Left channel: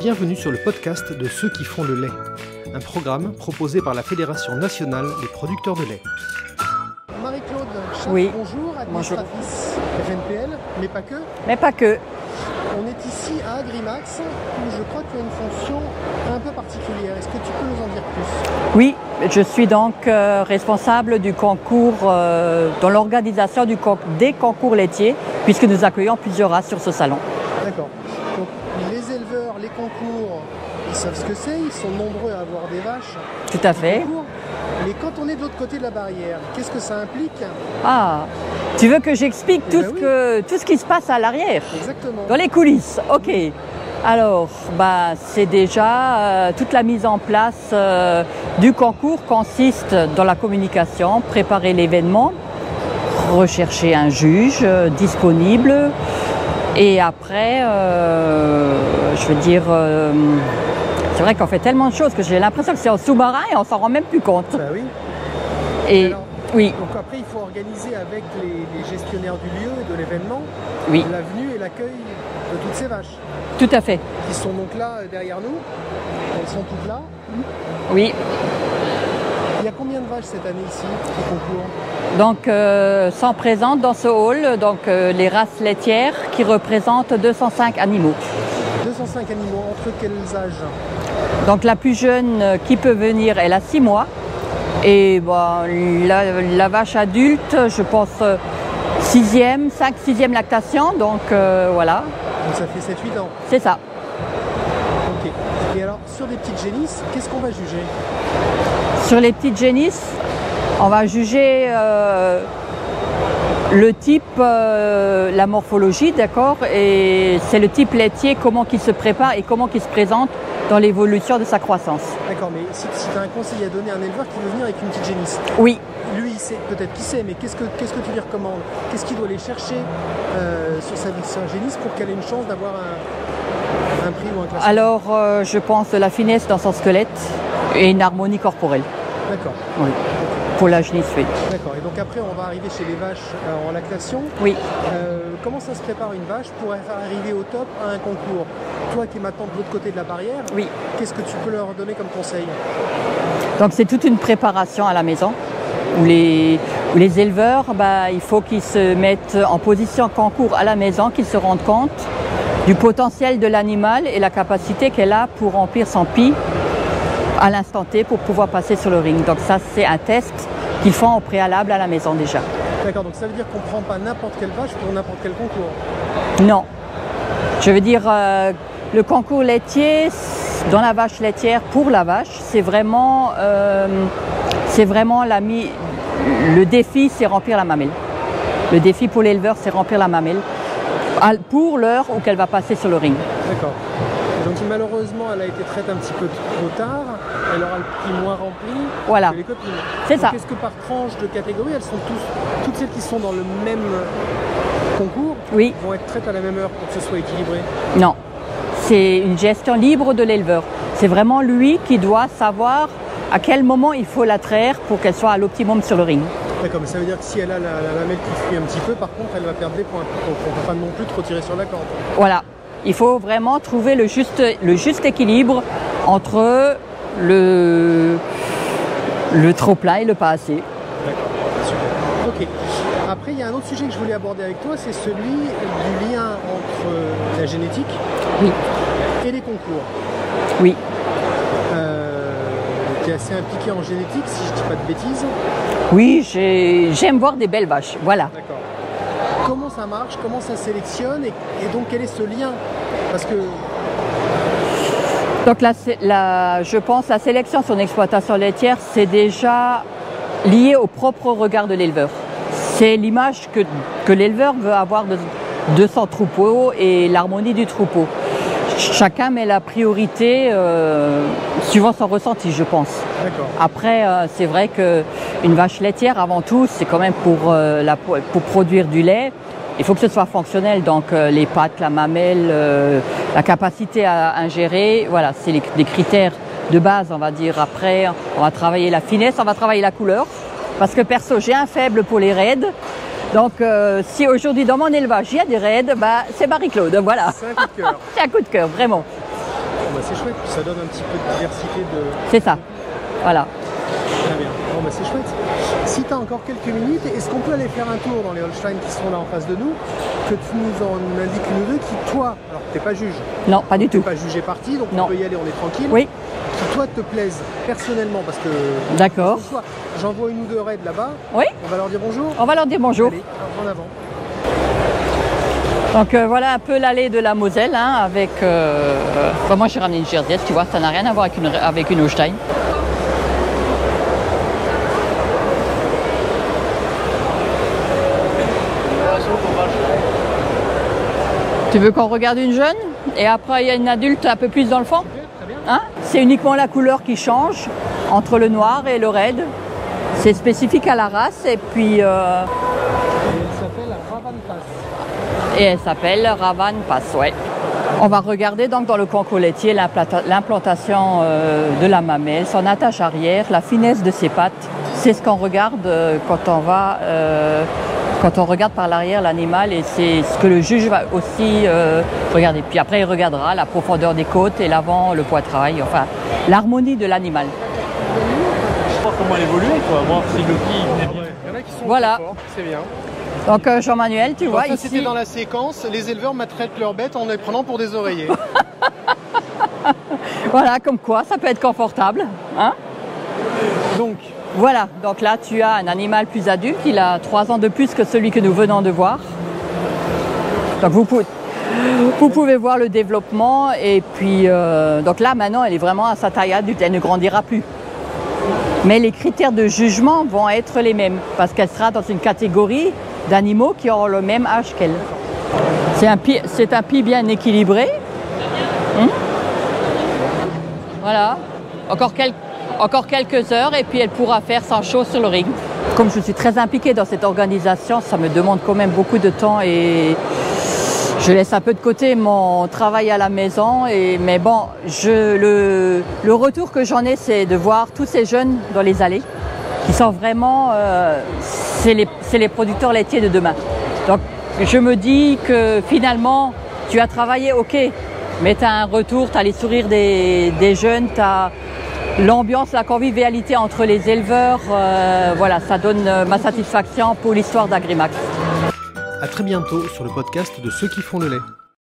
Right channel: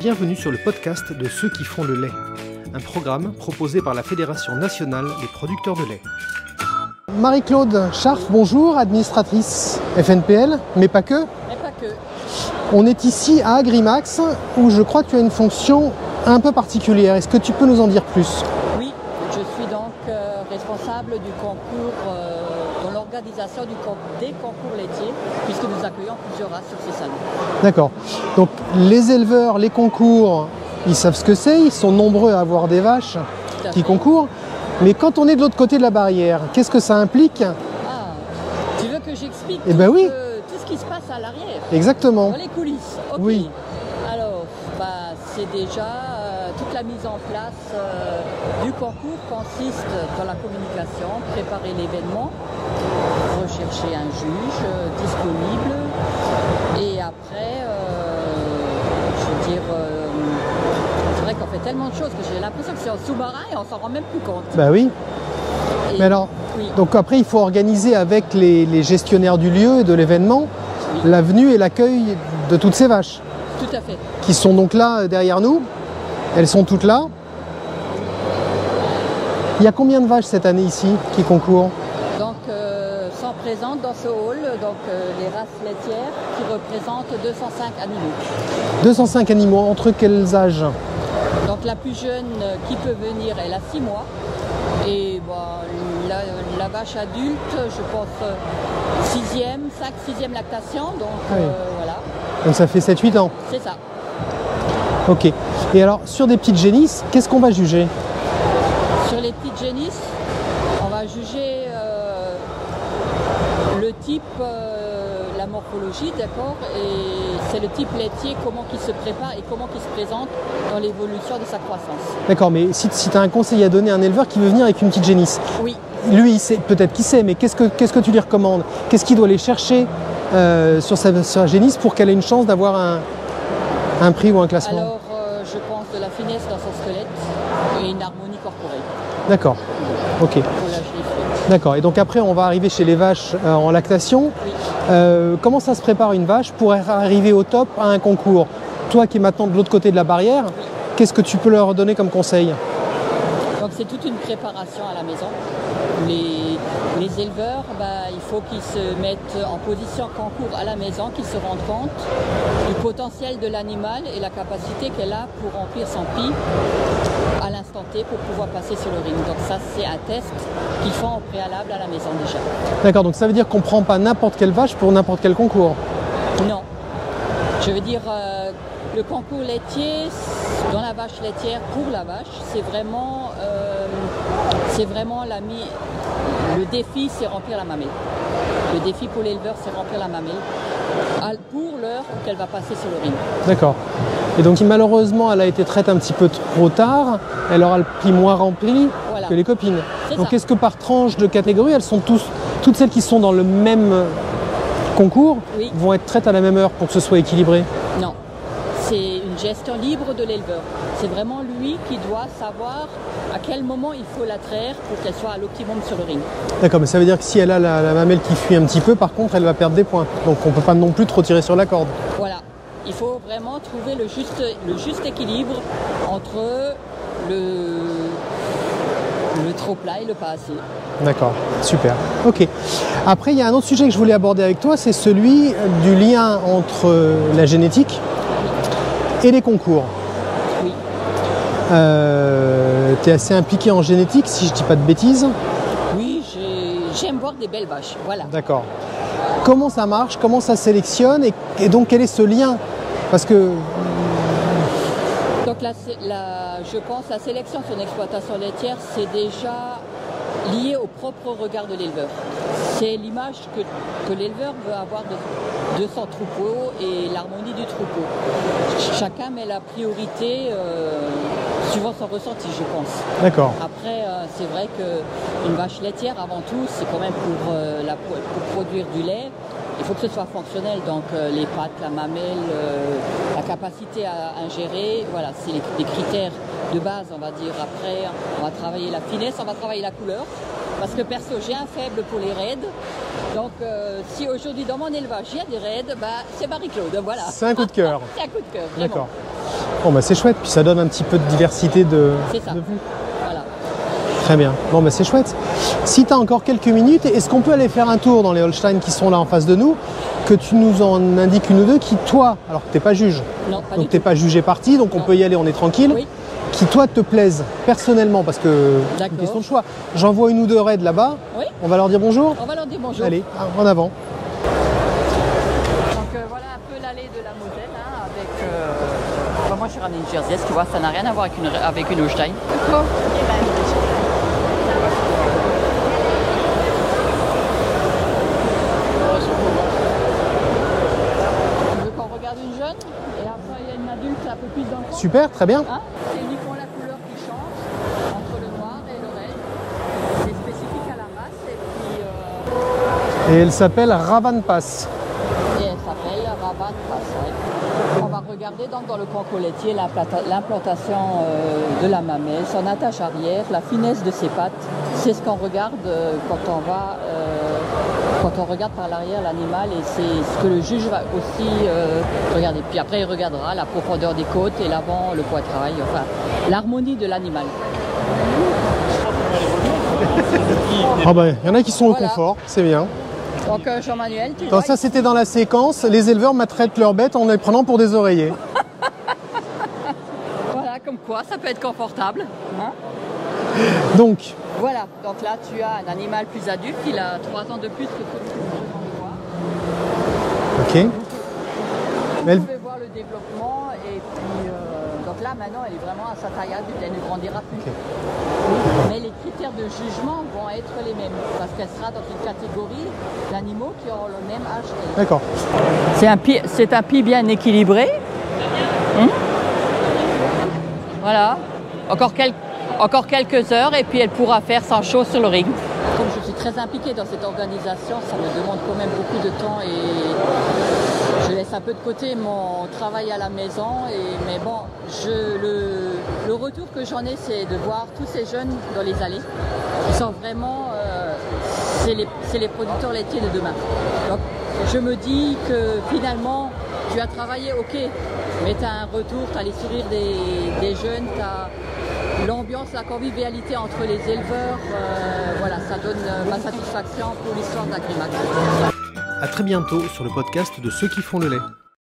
Bienvenue sur le podcast de ceux qui font le lait, un programme proposé par la Fédération nationale des producteurs de lait. Marie-Claude Scharf, oui. Bonjour, administratrice FNPL, mais pas que. Mais pas que. On est ici à Agrimax, où je crois que tu as une fonction un peu particulière. Est-ce que tu peux nous en dire plus? Oui, je suis donc responsable du concours, dans l'organisation des concours laitiers, puisque nous accueillons plusieurs races sur ce salon. D'accord. Donc les éleveurs, les concours, ils savent ce que c'est, ils sont nombreux à avoir des vaches qui concourent. Mais quand on est de l'autre côté de la barrière, qu'est-ce que ça implique? Ah, tu veux que j'explique tout ce qui se passe à l'arrière? Exactement. Dans les coulisses, ok. Oui. Alors, c'est déjà toute la mise en place du concours consiste dans la communication, préparer l'événement, rechercher un juge disponible et après, c'est vrai qu'on fait tellement de choses que j'ai l'impression que c'est en sous-marin et on s'en rend même plus compte. Bah oui. Et alors, oui. Donc après, il faut organiser avec les gestionnaires du lieu et de l'événement la venue et l'accueil de toutes ces vaches. Tout à fait. Qui sont donc là derrière nous. Elles sont toutes là. Oui. Il y a combien de vaches cette année ici qui concourent? Donc, sont présentes dans ce hall les races laitières qui représentent 205 animaux. 205 animaux, entre quels âges? Donc la plus jeune qui peut venir, elle a 6 mois. Et la vache adulte, je pense 5-6e lactation, donc voilà. Donc ça fait 7-8 ans? C'est ça. Ok. Et alors, sur des petites génisses, qu'est-ce qu'on va juger? Sur les petites génisses, on va juger le type, la morphologie, d'accord? Et c'est le type laitier, comment il se prépare et comment il se présente dans l'évolution de sa croissance. D'accord, mais si tu as un conseil à donner à un éleveur qui veut venir avec une petite génisse? Oui. Lui, il sait, peut-être qu'il sait, mais qu'est-ce que tu lui recommandes? Qu'est-ce qu'il doit aller chercher sur sa génisse pour qu'elle ait une chance d'avoir un prix ou un classement? Alors, je pense de la finesse dans son squelette et une harmonie corporelle. D'accord. Oui. Ok. Pour la génisse, oui. D'accord. Et donc après, on va arriver chez les vaches en lactation. Oui. Comment ça se prépare une vache pour arriver au top à un concours? Toi qui es maintenant de l'autre côté de la barrière, oui. Qu'est-ce que tu peux leur donner comme conseil? Donc c'est toute une préparation à la maison. Où les éleveurs, il faut qu'ils se mettent en position concours à la maison, qu'ils se rendent compte du potentiel de l'animal et la capacité qu'elle a pour remplir son pis à l'instant T pour pouvoir passer sur le ring. Donc ça, c'est un test qu'ils font au préalable à la maison déjà. D'accord, donc ça veut dire qu'on ne prend pas n'importe quelle vache pour n'importe quel concours? Non. Je veux dire, le concours laitier, dans la vache laitière, pour la vache, c'est vraiment le défi, c'est remplir la mamelle. Le défi pour l'éleveur, c'est remplir la mamelle pour l'heure où qu'elle va passer sur le ring. D'accord. Et donc malheureusement, elle a été traite un petit peu trop tard, elle aura le prix moins rempli que les copines. C'est ça. Donc est-ce que par tranche de catégorie, elles sont toutes celles qui sont dans le même concours vont être traites à la même heure pour que ce soit équilibré? Non. C'est une gestion libre de l'éleveur. C'est vraiment lui qui doit savoir à quel moment il faut la traire pour qu'elle soit à l'optimum sur le ring. D'accord, mais ça veut dire que si elle a la mamelle qui fuit un petit peu, par contre, elle va perdre des points. Donc on ne peut pas non plus trop tirer sur la corde. Voilà. Il faut vraiment trouver le juste équilibre entre le trop plat et le pas assez. D'accord, super. Ok. Après, il y a un autre sujet que je voulais aborder avec toi, c'est celui du lien entre la génétique et les concours. Oui. Tu es assez impliqué en génétique, si je ne dis pas de bêtises. Oui, j'aime voir des belles vaches, voilà. D'accord. Comment ça marche? Comment ça sélectionne? Et donc, quel est ce lien? Parce que... Donc, je pense que la sélection sur une exploitation laitière, c'est déjà lié au propre regard de l'éleveur. C'est l'image que l'éleveur veut avoir de son troupeau et l'harmonie du troupeau. Chacun met la priorité suivant son ressenti, je pense. D'accord. Après, c'est vrai qu'une vache laitière, avant tout, c'est quand même pour produire du lait. Il faut que ce soit fonctionnel, donc les pattes, la mamelle, la capacité à ingérer, voilà, c'est des critères de base, on va dire. Après, on va travailler la finesse, on va travailler la couleur, parce que perso, j'ai un faible pour les raids. Donc, si aujourd'hui dans mon élevage il y a des raids, c'est Marie-Claude, voilà. C'est un coup de cœur. C'est un coup de cœur, vraiment. Bon, bah c'est chouette, puis ça donne un petit peu de diversité de... C'est ça, de... voilà. Très bien. Bon, bah c'est chouette. Si tu as encore quelques minutes, est-ce qu'on peut aller faire un tour dans les Holstein qui sont là en face de nous, que tu nous en indiques une ou deux qui, toi, alors que tu n'es pas juge. Non, pas du tout. Tu n'es pas jugé parti, donc on peut y aller, on est tranquille. Oui. Qui, toi, te plaisent personnellement, parce que c'est ton choix. J'en vois une ou deux raids là-bas. Oui. On va leur dire bonjour. On va leur dire bonjour. Allez, en avant. Donc voilà un peu l'allée de la Moselle, hein, avec... moi, j'ai ramené une Jersey, tu vois, ça n'a rien à voir avec une Holstein. Tu veux qu'on regarde une jeune et après il y a une adulte un peu plus dans le fond? Super, très bien. Hein? C'est uniquement la couleur qui change entre le noir et le red. C'est spécifique à la race et puis... Et elle s'appelle Ravan Pass. Et elle s'appelle Ravan Pass, ouais. On va regarder donc dans le concours laitier l'implantation de la mamelle, son attache arrière, la finesse de ses pattes. C'est ce qu'on regarde quand on regarde par l'arrière l'animal, et c'est ce que le juge va aussi regarder. Puis après, il regardera la profondeur des côtes et l'avant, le poitrail, enfin, l'harmonie de l'animal. Ah bah, il y en a qui sont au confort, c'est bien. Donc Jean-Manuel, tu vois, ça ici... c'était dans la séquence, les éleveurs maltraitent leurs bêtes en les prenant pour des oreillers. Voilà, comme quoi, ça peut être confortable. Hein? Donc voilà, donc là tu as un animal plus adulte, il a 3 ans de plus que celui que nous venons de voir. Okay. Donc vous pouvez voir le développement, et puis donc là maintenant elle est vraiment à sa taille adulte, elle ne grandira plus. Mais les critères de jugement vont être les mêmes, parce qu'elle sera dans une catégorie d'animaux qui auront le même âge qu'elle. D'accord. C'est un pied bien équilibré. Voilà, encore quelques heures et puis elle pourra faire 100 choses sur le ring. Comme je suis très impliquée dans cette organisation, ça me demande quand même beaucoup de temps et je laisse un peu de côté mon travail à la maison. Mais bon, le retour que j'en ai, c'est de voir tous ces jeunes dans les allées qui sont vraiment... c'est les producteurs laitiers de demain. Donc je me dis que finalement, tu as travaillé, ok, mais tu as un retour, tu as les sourires des jeunes, tu as l'ambiance, la convivialité entre les éleveurs. Voilà, ça donne ma satisfaction pour l'histoire d'Agrimax. À très bientôt sur le podcast de Ceux qui font le lait.